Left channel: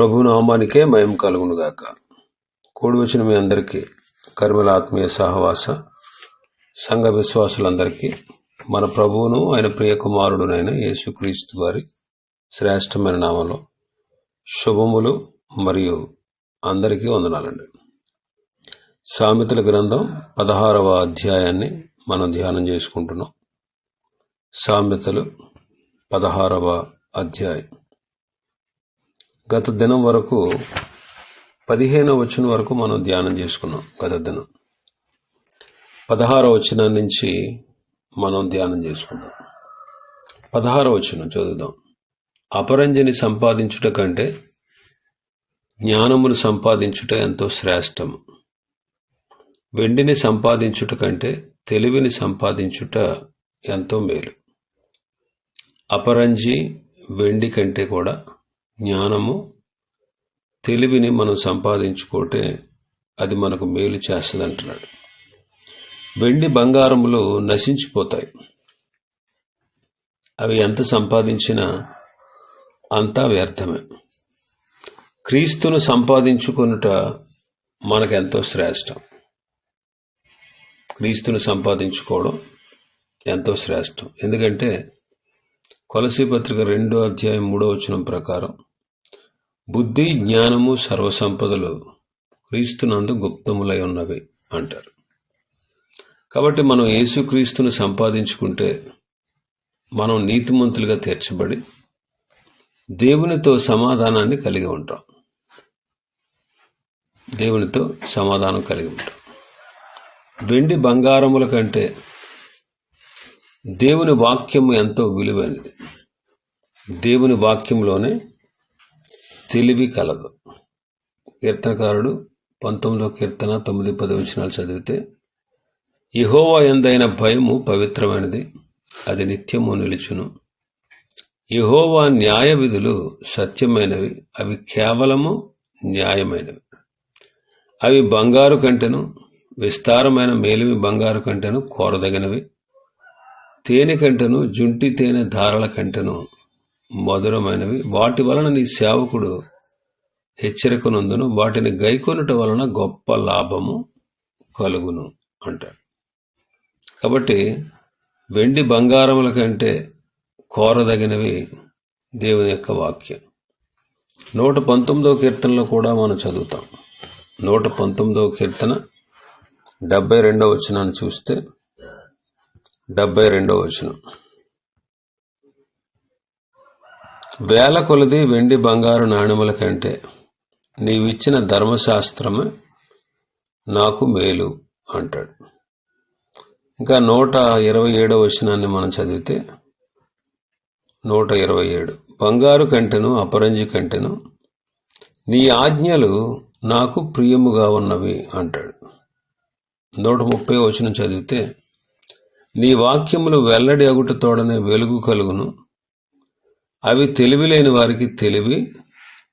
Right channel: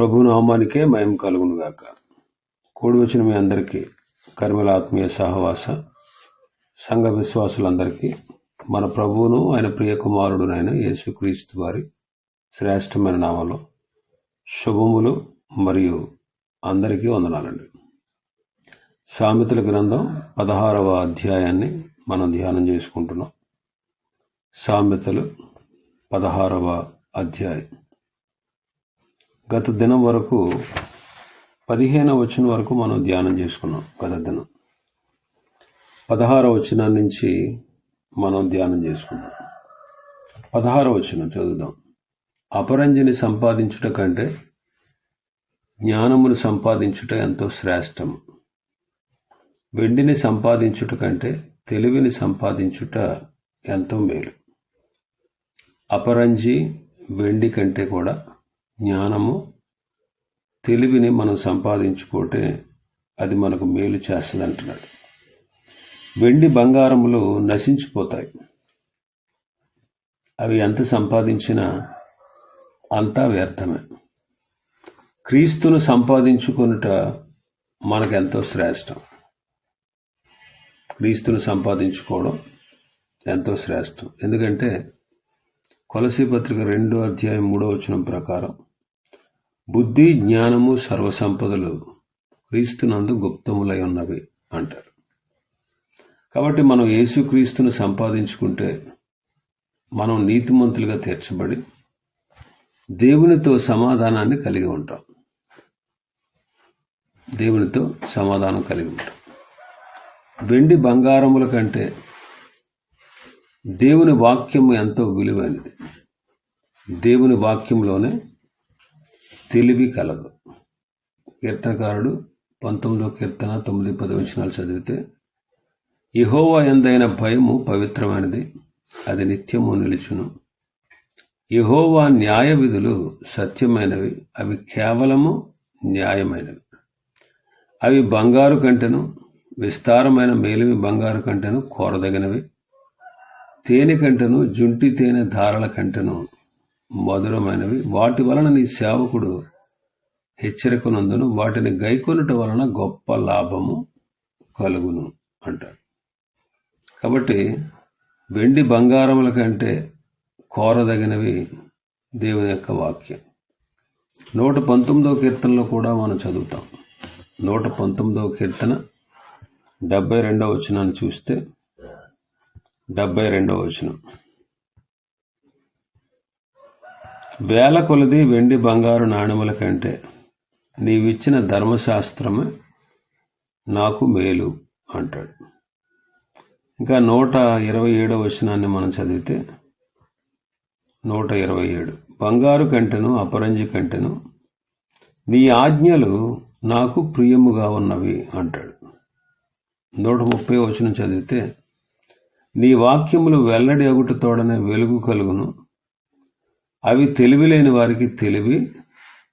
ప్రభు నామానికే మయం కలుగునుగాక కూడి వచ్చిన మీ అందరికీ కర్మల ఆత్మీయ సహవాస సంఘ విశ్వాసులందరికీ మన ప్రభువును ఆయన ప్రియ కుమారుడునైన యేసుక్రీస్తు వారి శ్రేష్టమైన నామంలో శుభములు మరియు అందరికీ వందనాలండి. సామెతల గ్రంథం పదహారవ అధ్యాయాన్ని మనం ధ్యానం చేసుకుంటున్నాం. సామెతలు పదహారవ అధ్యాయం. గత దినం వరకు పదిహేనో వచ్చిన వరకు మనం ధ్యానం చేసుకున్నాం గత దినం. పదహారో వచనం నుంచి మనం ధ్యానం చేసుకున్నాం. పదహారో వచనం చదువుదాం. అపరంజిని సంపాదించుట కంటే జ్ఞానమును సంపాదించుట ఎంతో శ్రేష్టం వెండిని సంపాదించుట కంటే తెలివిని సంపాదించుట ఎంతో మేలు. అపరంజి వెండి కంటే కూడా జ్ఞానము తెలివిని మనం సంపాదించుకుంటే అది మనకు మేలు చేస్తుంది అంటున్నాడు వెండి బంగారములు నశించిపోతాయి. అవి ఎంత సంపాదించినా అంతా వ్యర్థమే. క్రీస్తును సంపాదించుకొనుట మనకెంతో శ్రేష్టం. క్రీస్తును సంపాదించుకోవడం ఎంతో శ్రేష్టం. ఎందుకంటే కొలసీ పత్రిక రెండో అధ్యాయం మూడో వచనం ప్రకారం బుద్ధి జ్ఞానము సర్వసంపదలు క్రీస్తునందు గుప్తములై ఉన్నవి అంటారు. కాబట్టి మనం యేసుక్రీస్తును సంపాదించుకుంటే మనం నీతిమంతులుగా తీర్చబడి దేవునితో సమాధానాన్ని కలిగి ఉంటాం. దేవునితో సమాధానం కలిగి ఉంటాం. వెండి బంగారముల కంటే దేవుని వాక్యము ఎంతో విలువైనది. దేవుని వాక్యంలోనే తెలివి కలదు. కీర్తనకారుడు పంతొమ్మిదో కీర్తన తొమ్మిది పది వచనాలు చదివితే ఇహోవా ఎందైన భయము పవిత్రమైనది అది నిత్యము నిలుచును. యహోవా న్యాయ విధులు సత్యమైనవి అవి కేవలము న్యాయమైనవి. అవి బంగారు కంటెను విస్తారమైన మేలిమి బంగారు కంటెను కోరదగినవి. తేనె కంటెను జుంటి తేనె ధారల కంటెను మధురమైనవి. వాటి వలన నీ సేవకుడు హెచ్చరికనందును వాటిని గైకొనుట వలన గొప్ప లాభము కలుగును అంటాడు. కాబట్టి వెండి బంగారముల కంటే కోరదగినవి దేవుని యొక్క వాక్యం. నూట పంతొమ్మిదవ కీర్తనలో కూడా మనం చదువుతాం. నూట పంతొమ్మిదవ కీర్తన డెబ్బై రెండవ వచనాన్ని చూస్తే డెబ్బై రెండవ వచనం. వేల కొలది వెండి బంగారు నాణెముల కంటే నీవిచ్చిన ధర్మశాస్త్రమే నాకు మేలు అంటాడు. ఇంకా నూట ఇరవై ఏడో వచనాన్ని మనం చదివితే నూట ఇరవై ఏడు. బంగారు కంటెను అపరంజి కంటెను నీ ఆజ్ఞలు నాకు ప్రియముగా ఉన్నవి అంటాడు. నూట ముప్పై వచనం చదివితే నీ వాక్యములు వెల్లడి అగుటతోడనే వెలుగు కలుగును. అవి తెలివి లేని వారికి తెలివి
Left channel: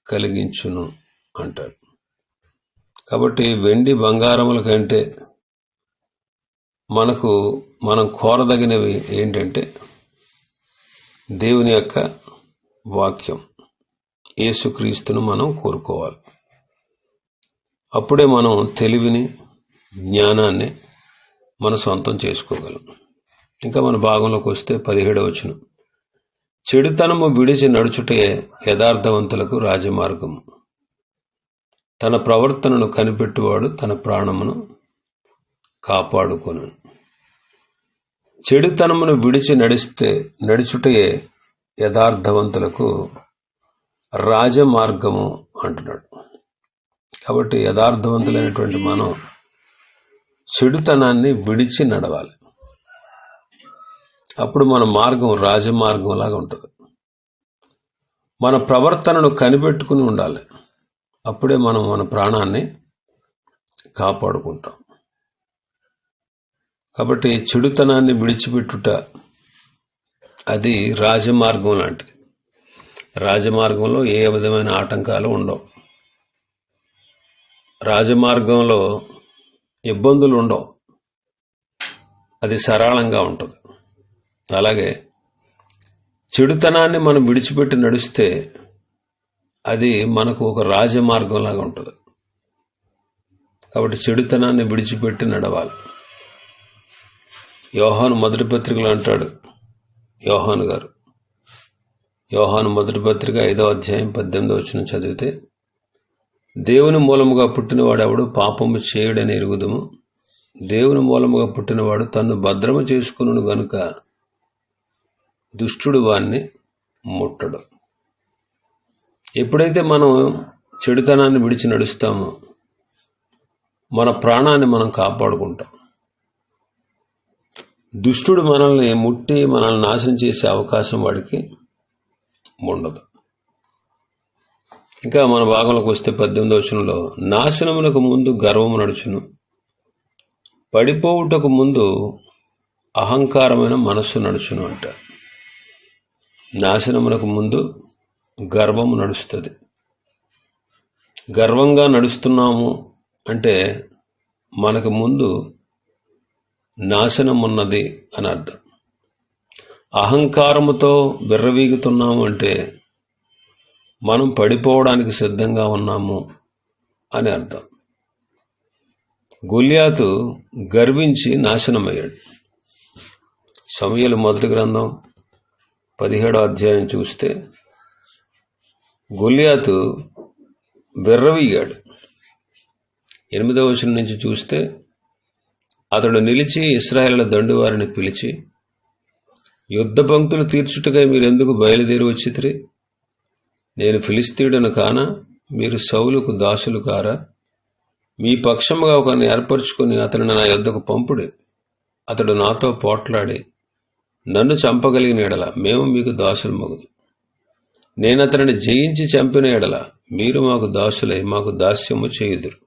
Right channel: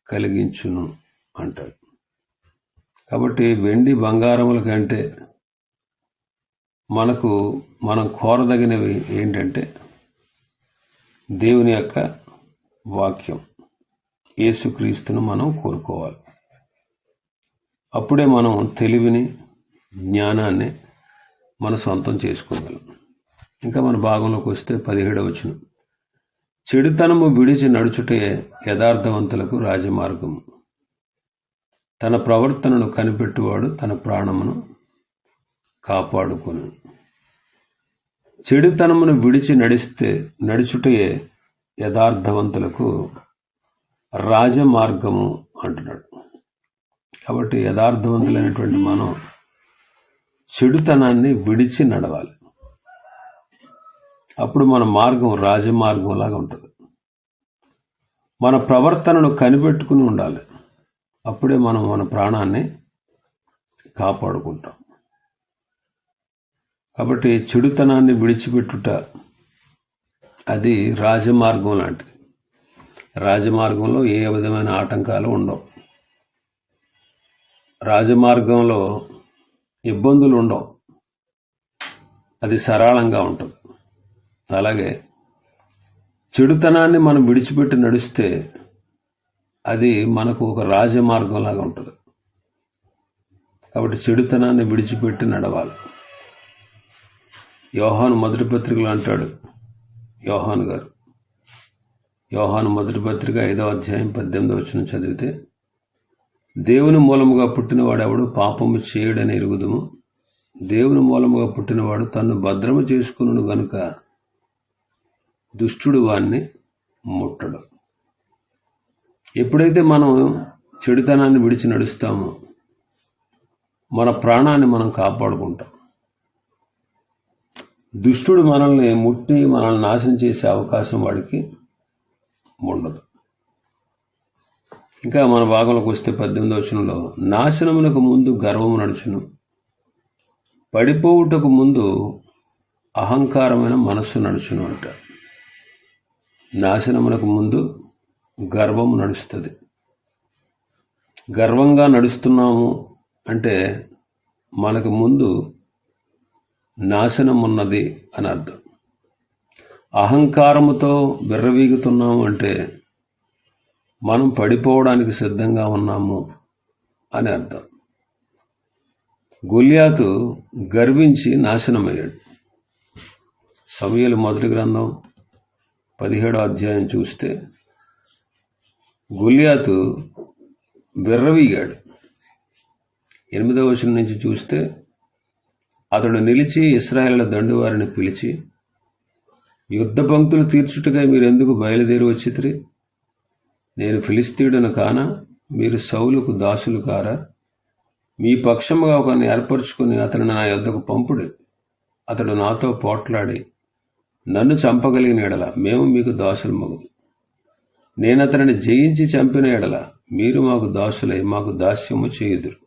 కలిగించును అంటాడు. కాబట్టి వెండి బంగారముల కంటే మనకు మనం కోరదగినవి ఏంటంటే దేవుని యొక్క వాక్యం. యేసుక్రీస్తును మనం కోరుకోవాలి. అప్పుడే మనం తెలివిని జ్ఞానాన్ని మన సొంతం చేసుకోగలం. ఇంకా మన భాగంలోకి వస్తే పదిహేడవచనం చెడుతనము విడిచి నడుచుటే యథార్థవంతులకు రాజమార్గం. తన ప్రవర్తనను కనిపెట్టువాడు తన ప్రాణమును కాపాడుకొను. చెడుతనమును విడిచి నడిస్తే నడుచుటే యథార్థవంతులకు రాజమార్గము అంటున్నాడు. కాబట్టి యథార్థవంతులైనటువంటి మనం చెడుతనాన్ని విడిచి నడవాలి. అప్పుడు మన మార్గం రాజమార్గం లాగా ఉంటుంది. మన ప్రవర్తనను కనిపెట్టుకుని ఉండాలి. అప్పుడే మనం మన ప్రాణాన్ని కాపాడుకుంటాం. కాబట్టి చెడుతనాన్ని విడిచిపెట్టుట అది రాజమార్గం లాంటిది. రాజమార్గంలో ఏ విధమైన ఆటంకాలు ఉండవు. రాజమార్గంలో ఇబ్బందులు ఉండవు. అది సరళంగా ఉంటుంది. అలాగే చెడుతనాన్ని మనం విడిచిపెట్టి నడిస్తే అది మనకు ఒక రాజమార్గంలాగా ఉంటుంది. కాబట్టి చెడుతనాన్ని విడిచిపెట్టి నడవాలి. యోహాను మొదటి పత్రికలో అంటాడు యోహాను గారు యోహాను మొదటి పత్రిక ఐదో అధ్యాయం పద్దెనిమిదో వచ్చిన చదివితే దేవుని మూలముగా పుట్టినవాడెవడు పాపము చేయడని ఎరుగుదము? దేవుని మూలముగా పుట్టినవాడు తన్ను భద్రము చేసుకును గనుక దుష్టుడు వాణ్ణి ముట్టడు. ఎప్పుడైతే మనం చెడుతనాన్ని విడిచి నడుస్తామో మన ప్రాణాన్ని మనం కాపాడుకుంటాం. దుష్టుడు మనల్ని ముట్టి మనల్ని నాశనం చేసే అవకాశం వాడికి ఉండదు. ఇంకా మన భాగంలోకి వస్తే పద్దెనిమిది వచనంలో నాశనమునకు ముందు గర్వము నడుచును పడిపోవుటకు ముందు అహంకారమైన మనస్సు నడుచును అంట నాశనమునకు ముందు గర్వం నడుస్తుంది. గర్వంగా నడుస్తున్నాము అంటే మనకు ముందు నాశనం ఉన్నది అని అర్థం. అహంకారముతో బిర్రవీగుతున్నాము అంటే మనం పడిపోవడానికి సిద్ధంగా ఉన్నాము అని అర్థం. గొల్యాతు గర్వించి నాశనమయ్యాడు. సమయలు మొదటి గ్రంథం పదిహేడో అధ్యాయం చూస్తే గొల్యాతు వెర్రవీగాడు. ఎనిమిదవ వచనం నుంచి చూస్తే అతడు నిలిచి ఇస్రాయేళ్ళ దండువారిని పిలిచి యుద్ధ పంక్తులు తీర్చుటకై మీరెందుకు బయలుదేరి వచ్చితిరి? నేను ఫిలిస్తీయుడను కానా? మీరు సౌలుకు దాసులు కారా? మీ పక్షముగా ఒకరిని ఏర్పరచుకుని అతను నా యొద్దకు పంపుడే. అతడు నాతో పోట్లాడి నన్ను చంపగలిగిన ఎడల మేము మీకు దాసులు మగుదు నేను అతనిని జయించి చంపిన ఎడల మీరు మాకు దాసులై మాకు దాస్యము చేయుదురు.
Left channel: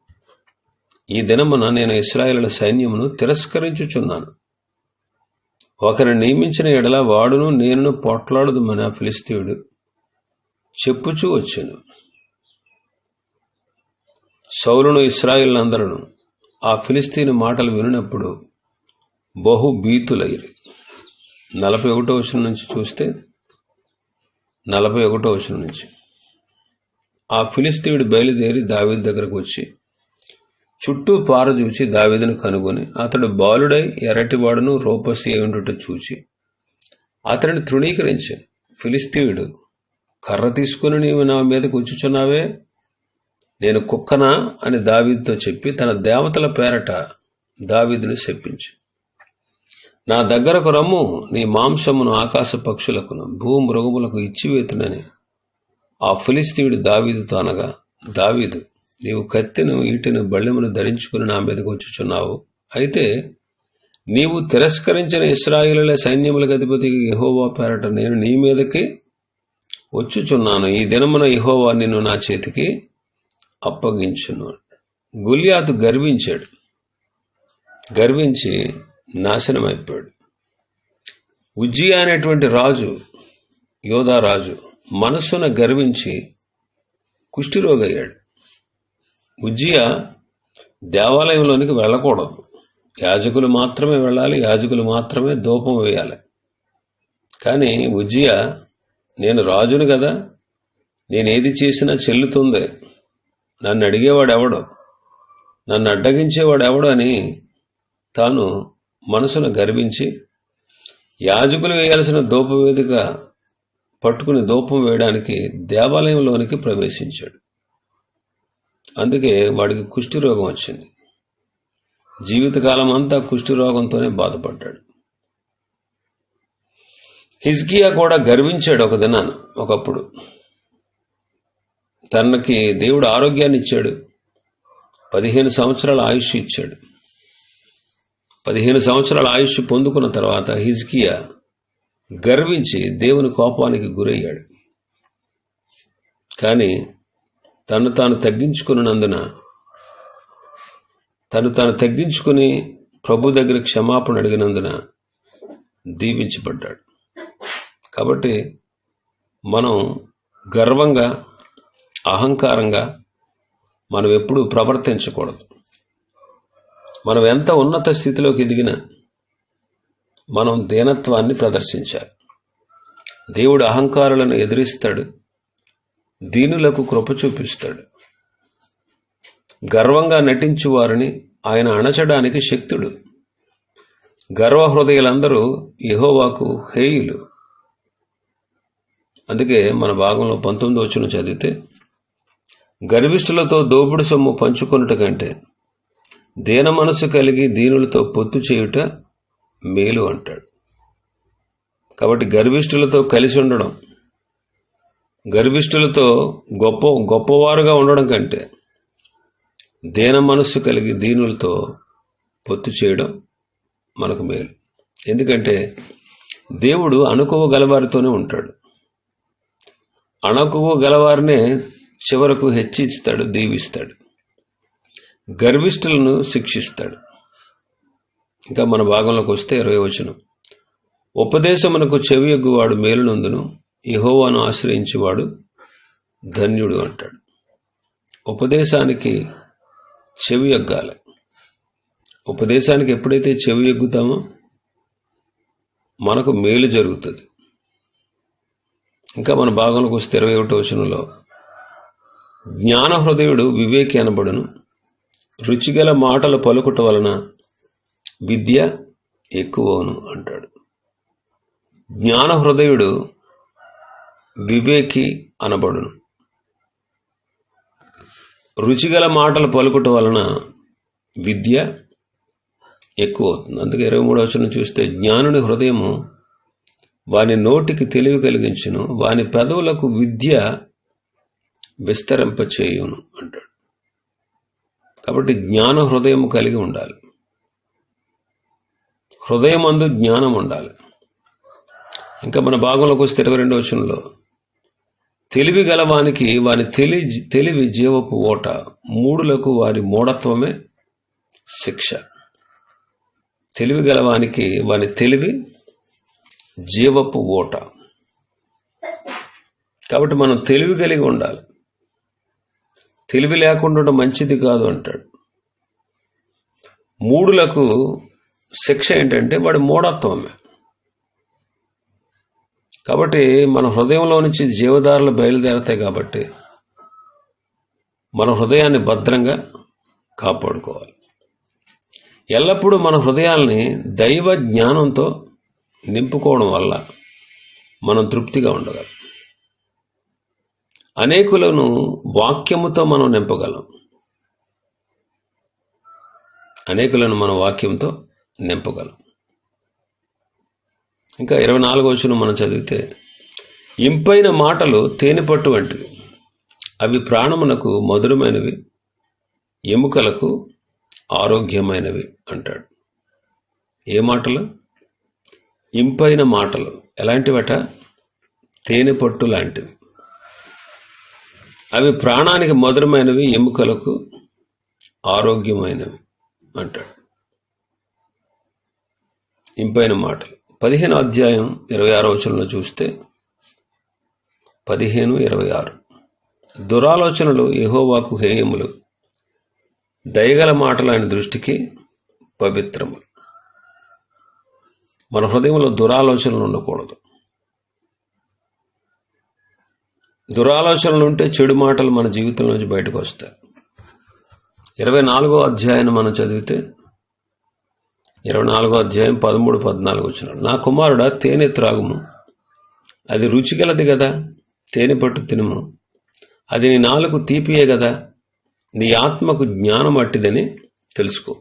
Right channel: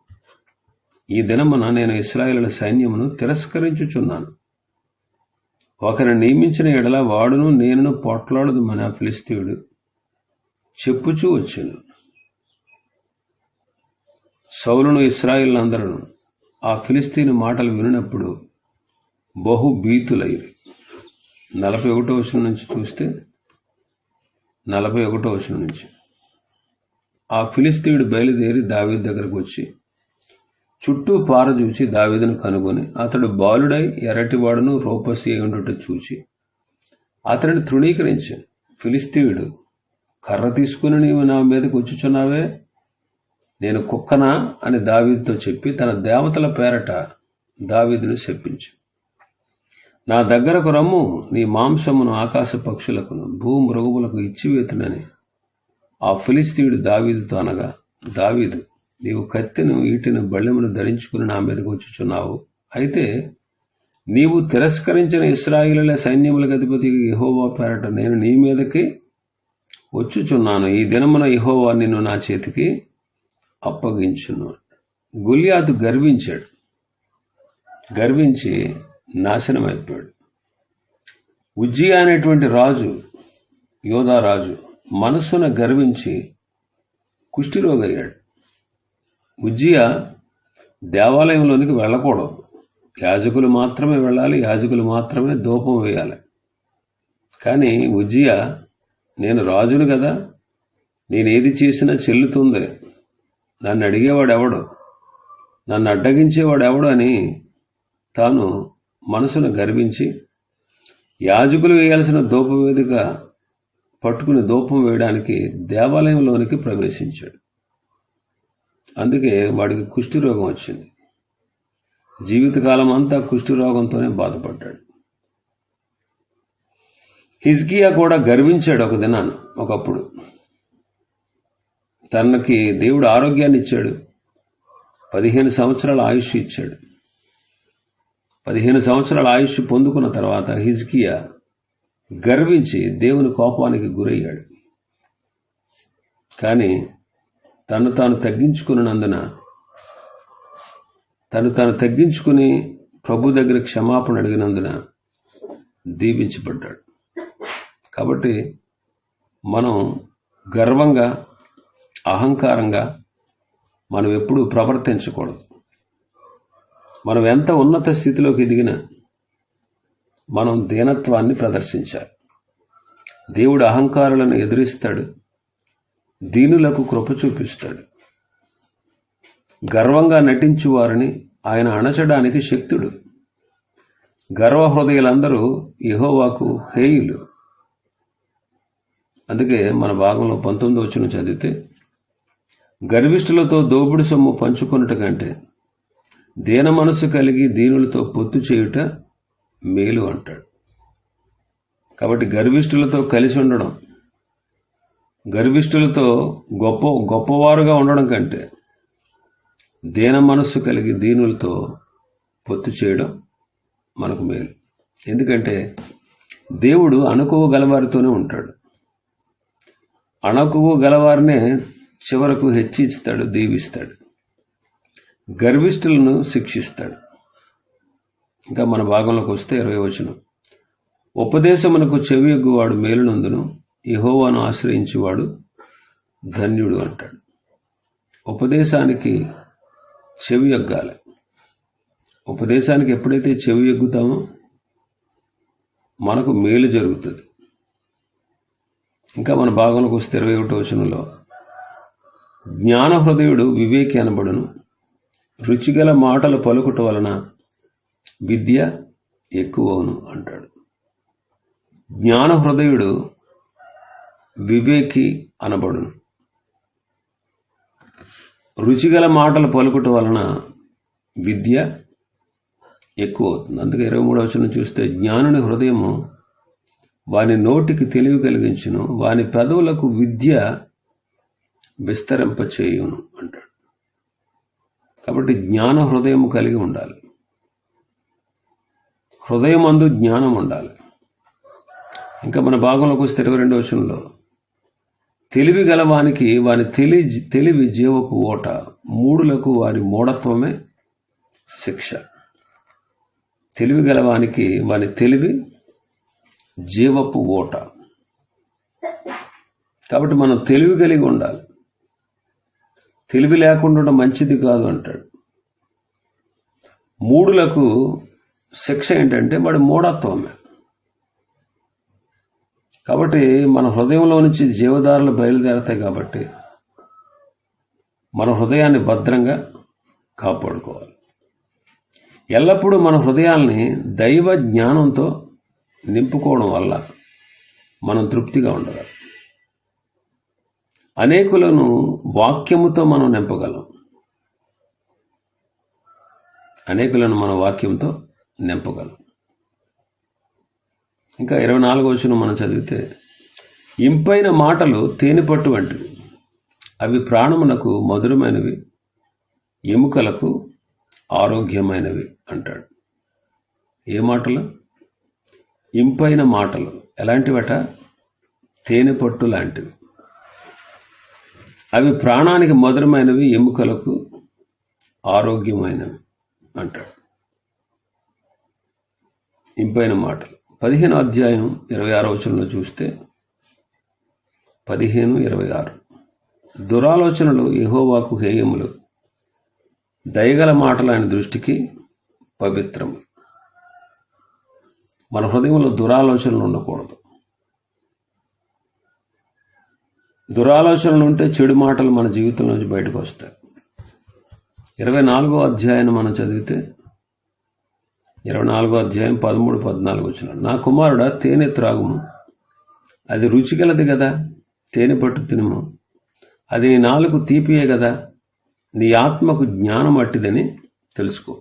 ఈ దినమున నేను ఇస్రాయేలుల సైన్యమును తిరస్కరించుచున్నాను. ఒకరిని నియమించిన ఎడల వాడును నేను పోట్లాడదు మన ఫిలిస్తీయుడు చెప్పుచూ వచ్చాను. సౌలును ఇస్రాయిలందరూ ఆ ఫిలిస్తీని మాటలు వినినప్పుడు బహుభీతులైరి నలభై ఒకటో వచనం నుంచి చూస్తే నలభై ఒకటో వచనం నుంచి. ఆ ఫిలిస్తీయుడు బయలుదేరి దావీదు దగ్గరకు వచ్చి చుట్టూ పారచూచి దావీదును కనుగొని అతడు బాలుడై ఎర్రటివాడును రూపసి ఉండుట చూచి అతడిని తృణీకరించాను ఫిలిస్తీయుడు కర్ర తీసుకుని నీవు నా మీద కూర్చుచున్నావే నేను కుక్కనా? అని దావీదుతో చెప్పి తన దేవతల పేరట దావీదును చెప్పించు నా దగ్గరకు రమ్ము నీ మాంసమును ఆకాశ పక్షులకును భూమృగములకు ఇచ్చివేతునని. ఆ ఫిలిస్తీయుడు దావీదుతో అనగా దావీదు నీవు కత్తిను ఈటిని బళ్ళెమును ధరించుకుని నా మీదకు వచ్చుచున్నావు. అయితే నీవు తిరస్కరించిన ఇస్రాయిల సైన్యములకు అధిపతికి యహోవా పేరట నేను నీ మీదకి వచ్చుచున్నాను. ఈ దినమున యహోవా నిన్ను నా చేతికి అప్పగించున్నాను గుల్యాతు గర్వించాడు. గర్వించి నాశనం అయిపోయాడు. ఉజ్జి అనేటువంటి రాజు యోధారాజు మనస్సున గర్వించి కుష్ఠిరోగయ్యాడు. ఉజ్జియ దేవాలయంలోనికి వెళ్ళకూడదు. యాజకులు మాత్రమే వెళ్ళాలి యాజకులు మాత్రమే ధూపం వేయాలి. కానీ ఉజ్జియ నేను రాజును కదా నేను ఏది చేసినా చెల్లుతుంది. నన్ను అడిగేవాడు ఎవడు నన్ను అడ్డగించేవాడు ఎవడు అని తాను మనసును గర్వించి యాజకులు వేయాల్సిన వేదిక పట్టుకుని దూపం వేయడానికి దేవాలయంలోనికి ప్రవేశించాడు. అందుకే వాడికి కుష్ఠిరోగం వచ్చింది. జీవితకాలం అంతా కుష్ఠిరోగంతోనే బాధపడ్డాడు. హిజ్కియా కూడా గర్వించాడు ఒక దినాన ఒకప్పుడు. తనకి దేవుడు ఆరోగ్యాన్ని ఇచ్చాడు. పదిహేను సంవత్సరాల ఆయుష్ ఇచ్చాడు. పదిహేను సంవత్సరాల ఆయుష్ పొందుకున్న తర్వాత హిజ్కియా గర్వించి దేవుని కోపానికి గురయ్యాడు. కానీ తను తాను తగ్గించుకున్నందున తను తాను తగ్గించుకుని ప్రభు దగ్గర క్షమాపణ అడిగినందున దీవించబడ్డాడు. కాబట్టి మనం గర్వంగా అహంకారంగా మనం ఎప్పుడూ ప్రవర్తించకూడదు. మనం ఎంత ఉన్నత స్థితిలోకి ఎదిగినా మనం దీనత్వాన్ని ప్రదర్శించాలి. దేవుడు అహంకారులను ఎదిరిస్తాడు దీనులకు కృప చూపిస్తాడు. గర్వంగా నటించు వారిని ఆయన అణచడానికి శక్తుడు. గర్వహృదయులందరూ యహోవాకు హేయులు. అందుకే మన భాగంలో పంతొమ్మిది వచ్చిన చదివితే గర్విష్ఠులతో దోపుడు సొమ్ము పంచుకున్నట్టు కంటే దీన మనసు కలిగి దీనులతో పొత్తు చేయుట మేలు అంటాడు. కాబట్టి గర్విష్ఠులతో కలిసి ఉండడం గర్విష్ఠులతో గొప్ప గొప్పవారుగా ఉండడం కంటే దీన మనస్సు కలిగి దీనులతో పొత్తు చేయడం మనకు మేలు. ఎందుకంటే దేవుడు అణుకువ గలవారితోనే ఉంటాడు. అణకువ గలవారినే చివరకు హెచ్చిస్తాడు దీవిస్తాడు. గర్విష్ఠులను శిక్షిస్తాడు. ఇంకా మన భాగంలోకి వస్తే ఇరవై వచనం. ఉపదేశమునకు చెవియొగ్గువాడు మేలునందును ఇహోవాను ఆశ్రయించేవాడు ధన్యుడు అంటాడు. ఉపదేశానికి చెవి ఎగ్గాలి. ఉపదేశానికి ఎప్పుడైతే చెవి ఎగ్గుతామో మనకు మేలు జరుగుతుంది. ఇంకా మన భాగంలోకి వస్తే ఇరవై ఒకటో వచనంలో జ్ఞాన హృదయుడు వివేకి అనబడును రుచిగల మాటలు పలుకుట వలన విద్య ఎక్కువవును అంటాడు. జ్ఞాన హృదయుడు వివేకి అనబడును. రుచిగల మాటలు పలుకుట వలన విద్య ఎక్కువ అవుతుంది అందుకే ఇరవై మూడవ వచనం చూస్తే జ్ఞానుని హృదయము వాని నోటికి తెలివి కలిగించును వాని పెదవులకు విద్య విస్తరింపచేయును అంటాడు. కాబట్టి జ్ఞాన హృదయం కలిగి ఉండాలి. హృదయం అందు జ్ఞానం ఉండాలి. ఇంకా మన భాగంలోకి వస్తే ఇరవై రెండవ వచనంలో తెలివి గలవానికి వాని తెలి తెలివి జీవపు ఓట మూడులకు వారి మూఢత్వమే శిక్ష. తెలివి గలవానికి వాని తెలివి జీవపు ఓట. కాబట్టి మనం తెలివి కలిగి ఉండాలి. తెలివి లేకుండా మంచిది కాదు అంటాడు. మూడులకు శిక్ష ఏంటంటే వాడి మూఢత్వమే. కాబట్టి మన హృదయంలో నుంచి జీవదారులు బయలుదేరతాయి కాబట్టి మన హృదయాన్ని భద్రంగా కాపాడుకోవాలి. ఎల్లప్పుడూ మన హృదయాల్ని దైవ జ్ఞానంతో నింపుకోవడం వల్ల మనం తృప్తిగా ఉండగలం. అనేకులను వాక్యముతో మనం నింపగలం. అనేకులను మన వాక్యంతో నింపగలం. ఇంకా ఇరవై నాలుగో వచ్చిన మనం చదివితే ఇంపైన మాటలు తేనెపట్టు వంటివి. అవి ప్రాణమునకు మధురమైనవి ఎముకలకు ఆరోగ్యమైనవి అంటాడు. ఏ మాటలు? ఇంపైన మాటలు. ఎలాంటివట? తేనెపట్టు లాంటివి. అవి ప్రాణానికి మధురమైనవి ఎముకలకు ఆరోగ్యమైనవి అంటాడు. ఇంపైన మాటలు పదిహేను అధ్యాయం ఇరవై ఆరో వచనంలో చూస్తే పదిహేను ఇరవై ఆరు. దురాలోచనలు యహోవాకు హేయములు. దయగల మాటలు ఆయన దృష్టికి పవిత్రము. మన హృదయంలో దురాలోచనలు ఉండకూడదు. దురాలోచనలు ఉంటే చెడు మాటలు మన జీవితంలోంచి బయటకు వస్తాయి. ఇరవై నాలుగో అధ్యాయాన్ని మనం చదివితే ఇరవై నాలుగో అధ్యాయం పదమూడు పద్నాలుగు వచ్చిన నా కుమారుడా తేనె త్రాగుము. అది రుచిగలది కదా తేనె పట్టు తినుము. అది నీ నాలుగు తీపియే కదా నీ ఆత్మకు జ్ఞానం అట్టిదని తెలుసుకో.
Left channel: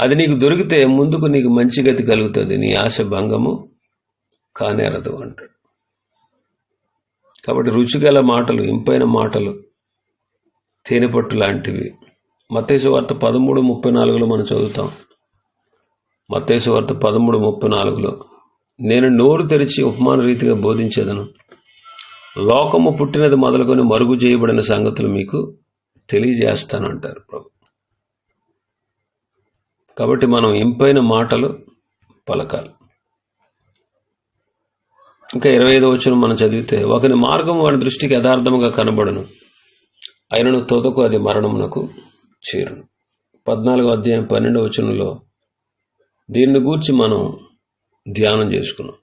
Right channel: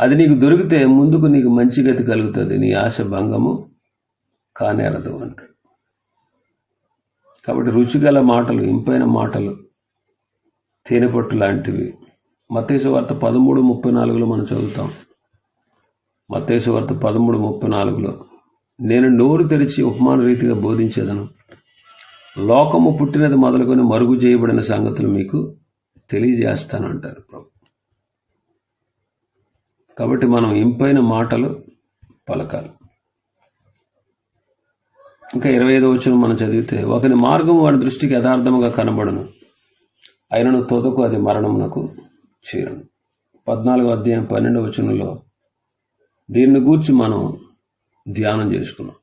అది నీకు దొరికితే ముందుకు నీకు మంచి గతి కలుగుతుంది నీ ఆశ భంగము కానేరదు అంటాడు. కాబట్టి రుచిగల మాటలు ఇంపైన మాటలు తేనెపట్టు లాంటివి. మత్తేసు వార్త పదమూడు ముప్పై నాలుగులో మనం చదువుతాం. మత్తేసు వార్త పదమూడు ముప్పై నాలుగులో నేను నోరు తెరిచి ఉపమాన రీతిగా బోధించేదను. లోకము పుట్టినది మొదలుకొని మరుగు చేయబడిన సంగతులు మీకు తెలియజేస్తానంటారు ప్రభు. కాబట్టి మనం ఇంపైన మాటలు పలకాలి. ఇంకా ఇరవై ఐదో వచ్చిన మనం చదివితే ఒకని మార్గం వాడి దృష్టికి యథార్థముగా కనబడను. అయినను తొదకు అది మరణమునకు చేరును. పద్నాలుగో అధ్యాయం పన్నెండవ వచనంలో దీన్ని గూర్చి మనం ధ్యానం చేసుకున్నాం.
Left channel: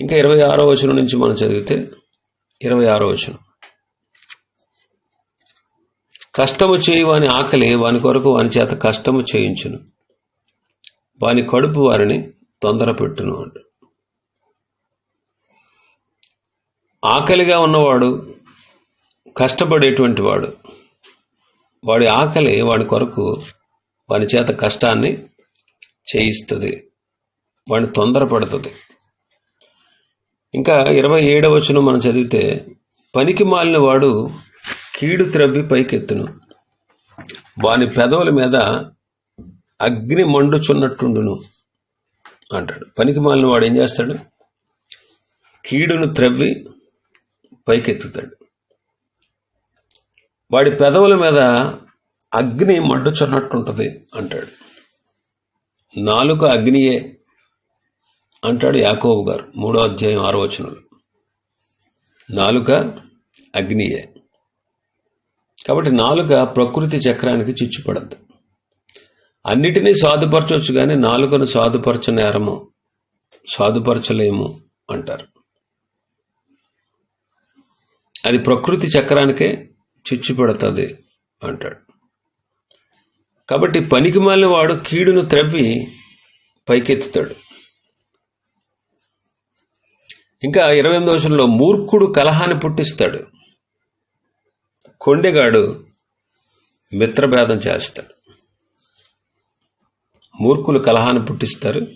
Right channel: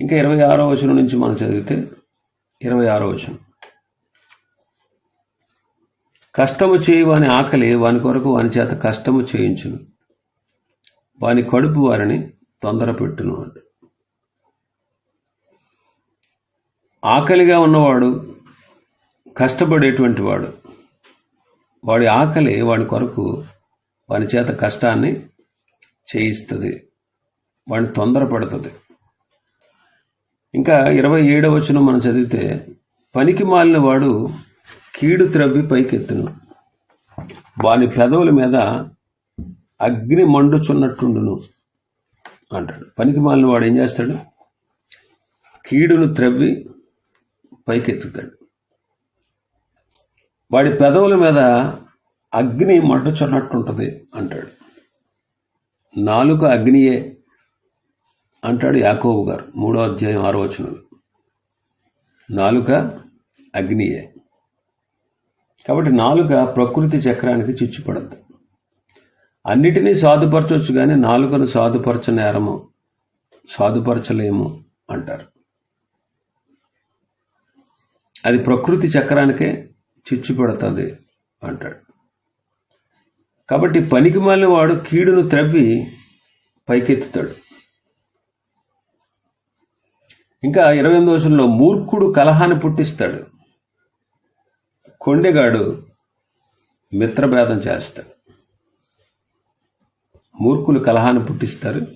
ఇంకా ఇరవై ఆరో వచనం నుంచి మనం చదివితే ఇరవై ఆరో వచనం. కష్టము చేయి వాని ఆకలి వాని కొరకు వాని చేత కష్టము చేయించును. వాని కడుపు వారిని తొందర పెట్టును అంట. ఆకలిగా ఉన్నవాడు కష్టపడేటువంటి వాడు వాడి ఆకలి వాడి కొరకు వాని చేత కష్టాన్ని చేయిస్తుంది వాడిని తొందరపడుతుంది. ఇంకా ఇరవై ఏడవ వచ్చిన మనం చదివితే పనికి మాలిన వాడు కీడు త్రవ్వి పైకెత్తును. వాని పెదవుల మీద అగ్ని మండుచున్నట్టుండును అంటాడు. పనికి మాలిన వాడు ఏం చేస్తాడు? కీడును త్రవ్వి పైకెత్తుతాడు. వాడి పెదవుల మీద అగ్ని మండుచున్నట్టుంటుంది అంటాడు. నాలుక అగ్నియే అంటాడు యాకోబు గారు మూడో అధ్యాయం ఆరో వచనంలో. నాలుక అగ్నియే. కాబట్టి నాలుక ప్రకృతి చక్రానికి చిచ్చుపడద్దు. అన్నిటినీ సాధుపరచవచ్చు కానీ నాలుకను సాధుపరచనేరము సాధుపరచలేము అంటారు. అది ప్రకృతి చక్రానికే చిచ్చు పెడుతుంది అంటాడు. కాబట్టి పనికి మాలిన వాడు కీడును త్రవ్వి పైకెత్తుతాడు. ఇంకా ఇరవై ఎనిమిది రోజుల్లో మూర్ఖుడు కలహాన్ని పుట్టిస్తాడు. కొండెగాడు మిత్రభేదం చేస్తాడు. మూర్ఖులు కలహాన్ని పుట్టిస్తారు.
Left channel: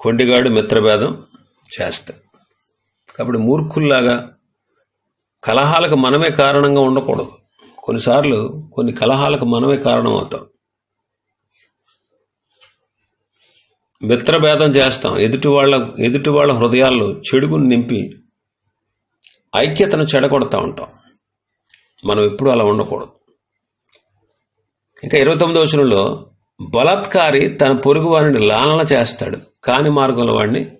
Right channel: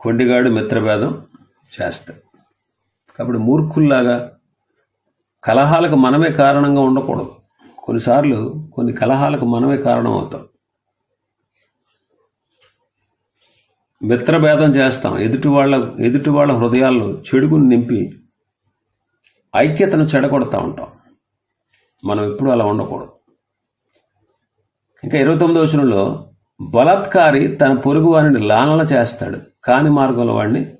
కొండెగాడు మిత్రభేదం చేస్తాడు. కాబట్టి మూర్ఖుల్లాగా కలహాలకు మనమే కారణంగా ఉండకూడదు. కొన్నిసార్లు కొన్ని కలహాలకు మనమే కారణం అవుతాం మిత్రభేదం చేస్తాం. ఎదుటి వాళ్ళ ఎదుటి వాళ్ళ హృదయాల్లో చెడుగును నింపి ఐక్యతను చెడగొడతా ఉంటాం. మనం ఎప్పుడు అలా ఉండకూడదు. ఇంకా ఇరవై తొమ్మిదో వచనంలో బలాత్కారి తన పొరుగు వారిని లాలన చేస్తాడు కాని మార్గంలో వాడిని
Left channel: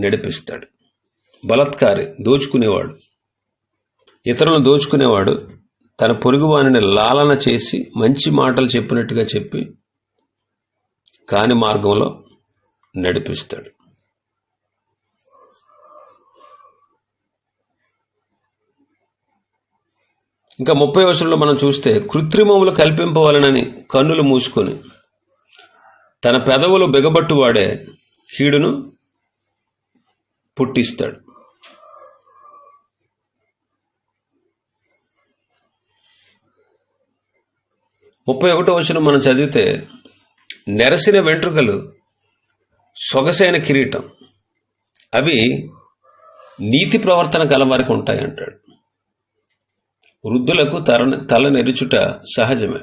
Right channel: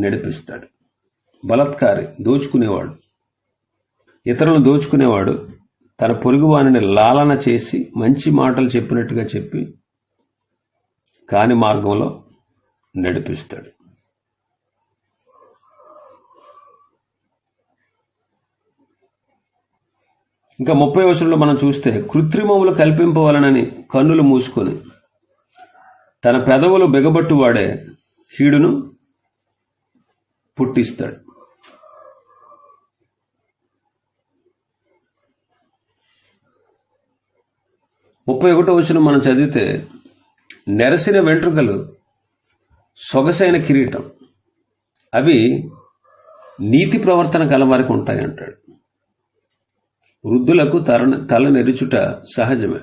నడిపిస్తాడు. బలాత్కారి దోచుకునేవాడు. ఇతరులను దోచుకునేవాడు తన పొరుగు వారిని లాలన చేసి మంచి మాటలు చెప్పినట్టుగా చెప్పి కాని మార్గంలో నడిపిస్తాడు. ఇంకా ముప్పై వర్షంలో మనం చూస్తే కృత్రిమములు కల్పింపవలనని కన్నులు మూసుకొని తన పెదవులు బిగబట్టు వాడే కీడును పుట్టిస్తాడు. ముప్పై ఒకటో వచ్చిన మనం చదివితే నెరసిన వెంట్రుకలు సొగసైన కిరీటం. అవి నీతి ప్రవర్తన గలవారికి ఉంటాయి అంటాడు. వృద్ధులకు తల తల నెరుచుట సహజమే.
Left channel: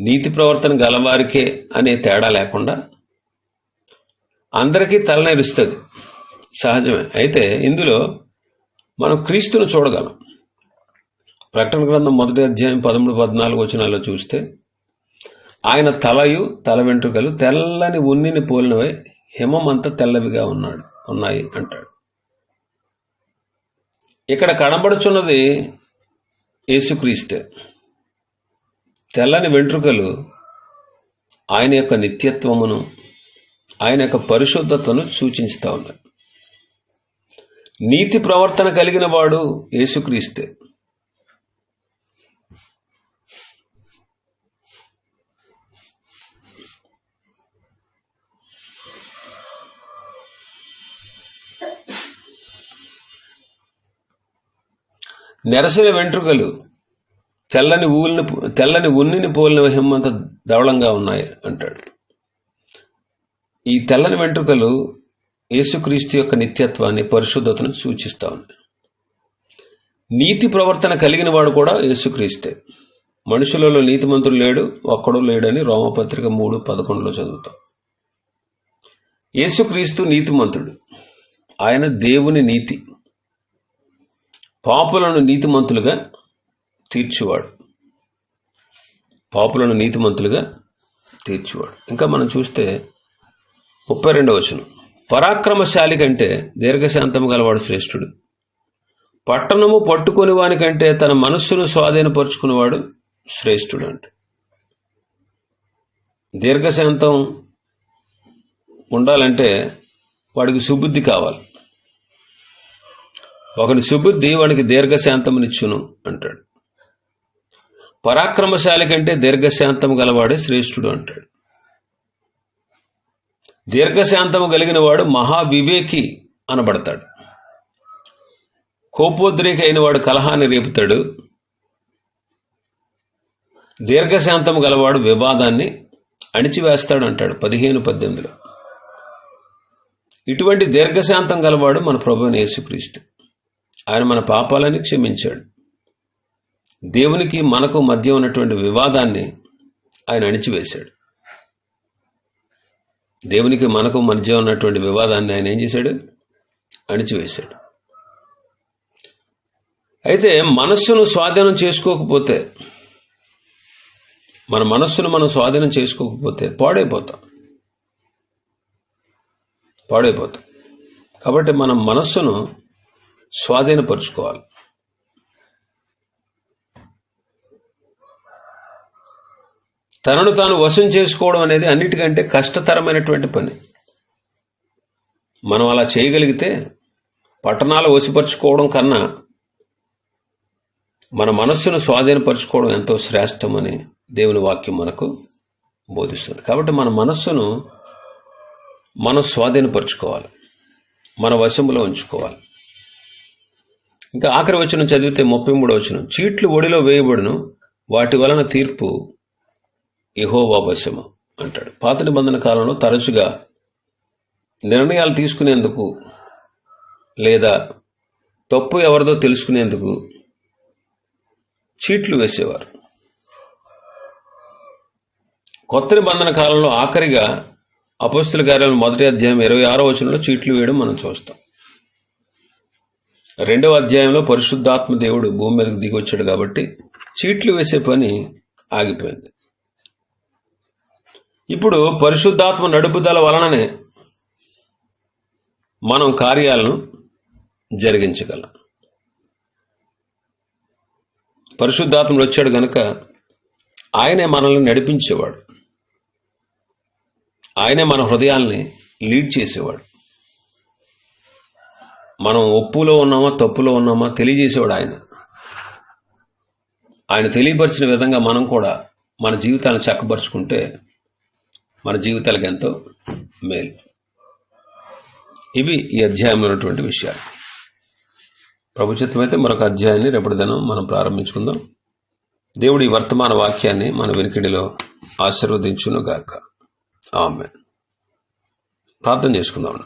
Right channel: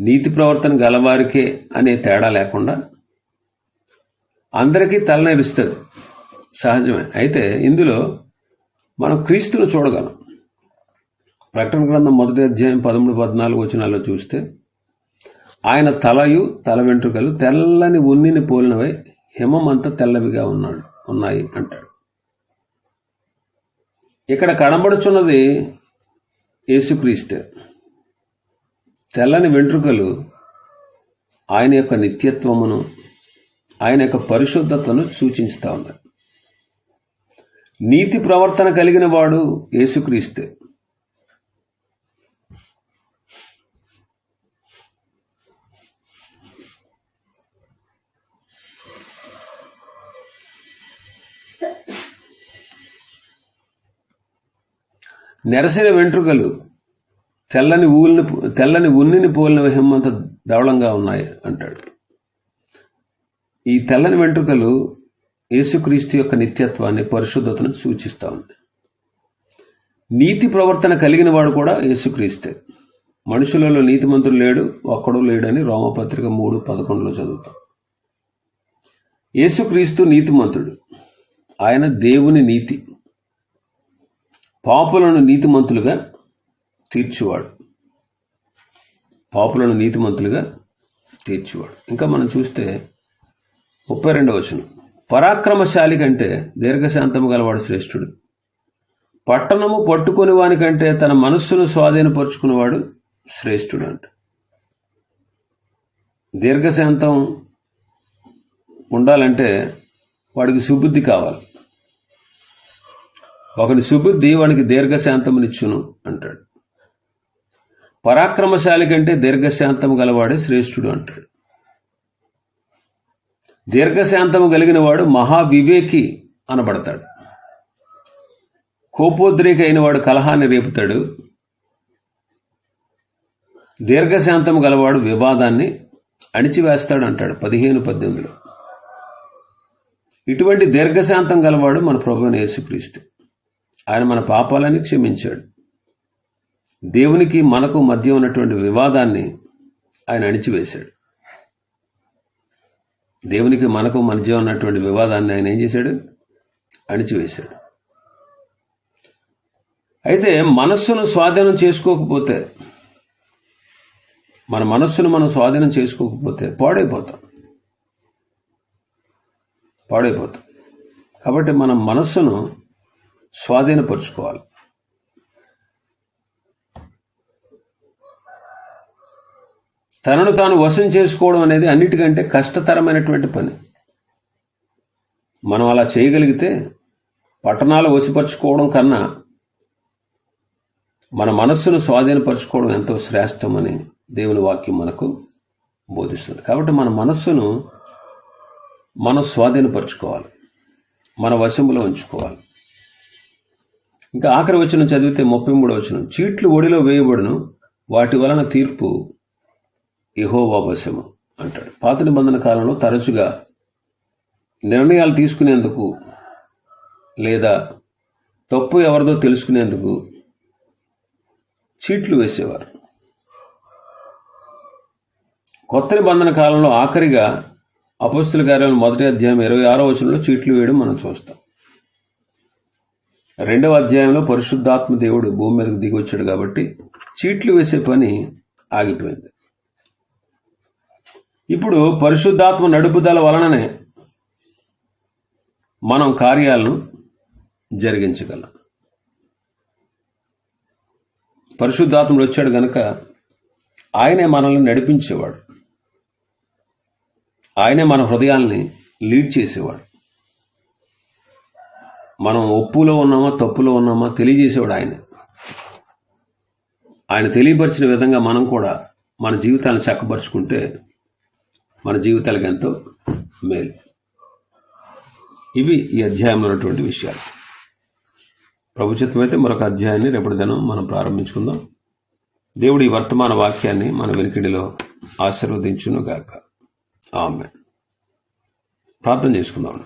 నీతి ప్రవర్తన గలవారికే అనే తేడా లేకుండా అందరికీ తల నెరుస్తుంది. సహజమే. అయితే ఇందులో మనం క్రీస్తును చూడగలం. ప్రకటన గ్రంథం మొదటి అధ్యాయం పదమూడు పద్నాలుగు వచనాల్లో చూస్తే ఆయన తలయు తల వెంట్రుకలు తెల్లని ఉన్నిని పోలినవై హిమం అంతా తెల్లవిగా ఉన్నాడు ఉన్నాయి అంటాడు. ఇక్కడ కనబడుచున్నది యేసుక్రీస్తే. తెల్లని వెంట్రుకలు ఆయన యొక్క నిత్యత్వమును ఆయన యొక్క పరిశుద్ధతను సూచిస్తూ ఉన్నాయి. నీతి ప్రవర్తన కలిగిన వాడు యేసుక్రీస్తే. నెరసిన వెంట్రుకలు తెల్లని ఊళ్ళని తెల్లని ఉన్నిని పోలిన హిమ్మంత ధవళంగా ఉన్నాయి అంటాడు. ఈ తెల్లని వెంట్రుకలు యేసుక్రీస్తు యొక్క నిత్యత్వాన్ని పరిశుద్ధతను సూచిస్తా ఉన్నాయి. నీతి ప్రవర్తన కలిగిన వాడు కూడా యేసుక్రీస్తే. మనుషులలో నీతిమంతుడు లేడు ఒక్కడు లేడని రోమపత్రిక మూడు పదకొండులో చదువుతాం. యేసుక్రీస్తు నీతిమంతుడు. ఆయన దేవుని నీతి. పాపులను నీతిమంతులుగా తీర్చువాడు. పాపులను నీతిమంతులుగా తీర్చువాడు. ఇంకా మనం చూస్తే ముప్పై రెండవ వచనం. పరాక్రమశాలి కంటే దీర్ఘశాంతం గలవాడు శ్రేష్ఠుడు. పట్టణము పట్టుకుని వానికంటే తన మనస్సును స్వాధీనపరుచుకునేవాడు శ్రేష్ఠుడు అంట. దీర్ఘశాంతం ఉండాలంటే వాడికి సుబుద్ధి కావాలి. ఒకని సుబుద్ధి వానికి దీర్ఘశాంతమునిచ్చును అంటాడు. పరాక్రమశాలి కంటే దీర్ఘశాంతము గలవాడే శ్రేష్ఠుడు అంటాడు. దీర్ఘశాంతము కలిగిన వాడు మహావివేకి అనబడతాడు. కోపోద్రేక అయిన వాడు కలహాన్ని రేపుతాడు. దీర్ఘశాంతం గలవాడు వివాదాన్ని అణిచివేస్తాడు అంటాడు పదిహేను పద్దెనిమిదిలో. ఇటువంటి దీర్ఘశాంతం గలవాడు మన ప్రభు యేసుక్రీస్తు. ఆయన మన పాపాలని క్షమించాడు. దేవునికి మనకు మధ్య ఉన్నటువంటి వివాదాన్ని ఆయన అణిచివేశాడు. దేవునికి మనకు మధ్య ఉన్నటువంటి వివాదాన్ని ఆయన ఏం చేశాడు? అణిచివేశాడు. అయితే మనస్సును స్వాధీనం చేసుకోకపోతే మన మనస్సును మనం స్వాధీనం చేసుకోకపోతే పాడైపోతాం. పాడైపోతాం. కాబట్టి మనం మనస్సును స్వాధీనపరుచుకోవాలి. తనను తాను వశం చేసుకోవడం అనేది అన్నిటికంటే కష్టతరమైనటువంటి పని. మనం అలా చేయగలిగితే పట్టణాలు వశపరుచుకోవడం కన్నా మన మనస్సును స్వాధీనపరచుకోవడం ఎంతో శ్రేష్టమని దేవుని వాక్యం మనకు బోధిస్తుంది. కాబట్టి మన మనస్సును మనం స్వాధీనపరచుకోవాలి. మన వశంలో ఉంచుకోవాలి. ఇంకా ఆఖరి వచనం చదివితే ముప్పై మూడో వచనం. చీట్లు ఒడిలో వేయబడును వాటి వలన తీర్పు ఇహోవా అంటాడు. పాత నిబంధన కాలంలో తరచుగా నిర్ణయాలు తీసుకునేందుకు లేదా తప్పు ఎవరిదో తెలుసుకునేందుకు చీట్లు వేసేవారు. కొత్త నిబంధన కాలంలో ఆఖరిగా అపస్తుల కార్యాలయం మొదటి అధ్యాయం ఇరవై ఆరో వచనంలో చీట్లు వేయడం మనం చూస్తాం. రెండవ అధ్యాయంలో పరిశుద్ధాత్మ దేవుడు భూమి మీదకి దిగి వచ్చాడు కాబట్టి చీట్లు వేసే పని ఆగిపోయింది. ఇప్పుడు పరిశుద్ధాత్మ నడుపుదల వలననే మనం కార్యాలను జరిగించగలం. పరిశుద్ధాత్మలు వచ్చాడు గనక ఆయనే మనల్ని నడిపించేవాడు. ఆయనే మన హృదయాల్ని లీడ్ చేసేవాడు. మనం ఒప్పులో ఉన్నామా తప్పులో ఉన్నామా తెలియజేసేవాడు ఆయన. ఆయన తెలియపరిచిన విధంగా మనం కూడా మన జీవితాలను చక్కపరుచుకుంటే మన జీవితాలకు ఎంతో మేలు. ఇవి ఈ అధ్యాయమైనటువంటి విషయాలు. ప్రభుత్వం అయితే మరొక అధ్యాయాన్ని రేపటి దినం మనం ప్రారంభించుకుందాం. దేవుడి ఈ వర్తమాన వాక్యాన్ని మన వెనుకడిలో ఆశీర్వదించును గాక ఆమె ప్రార్థన చేసుకుందాం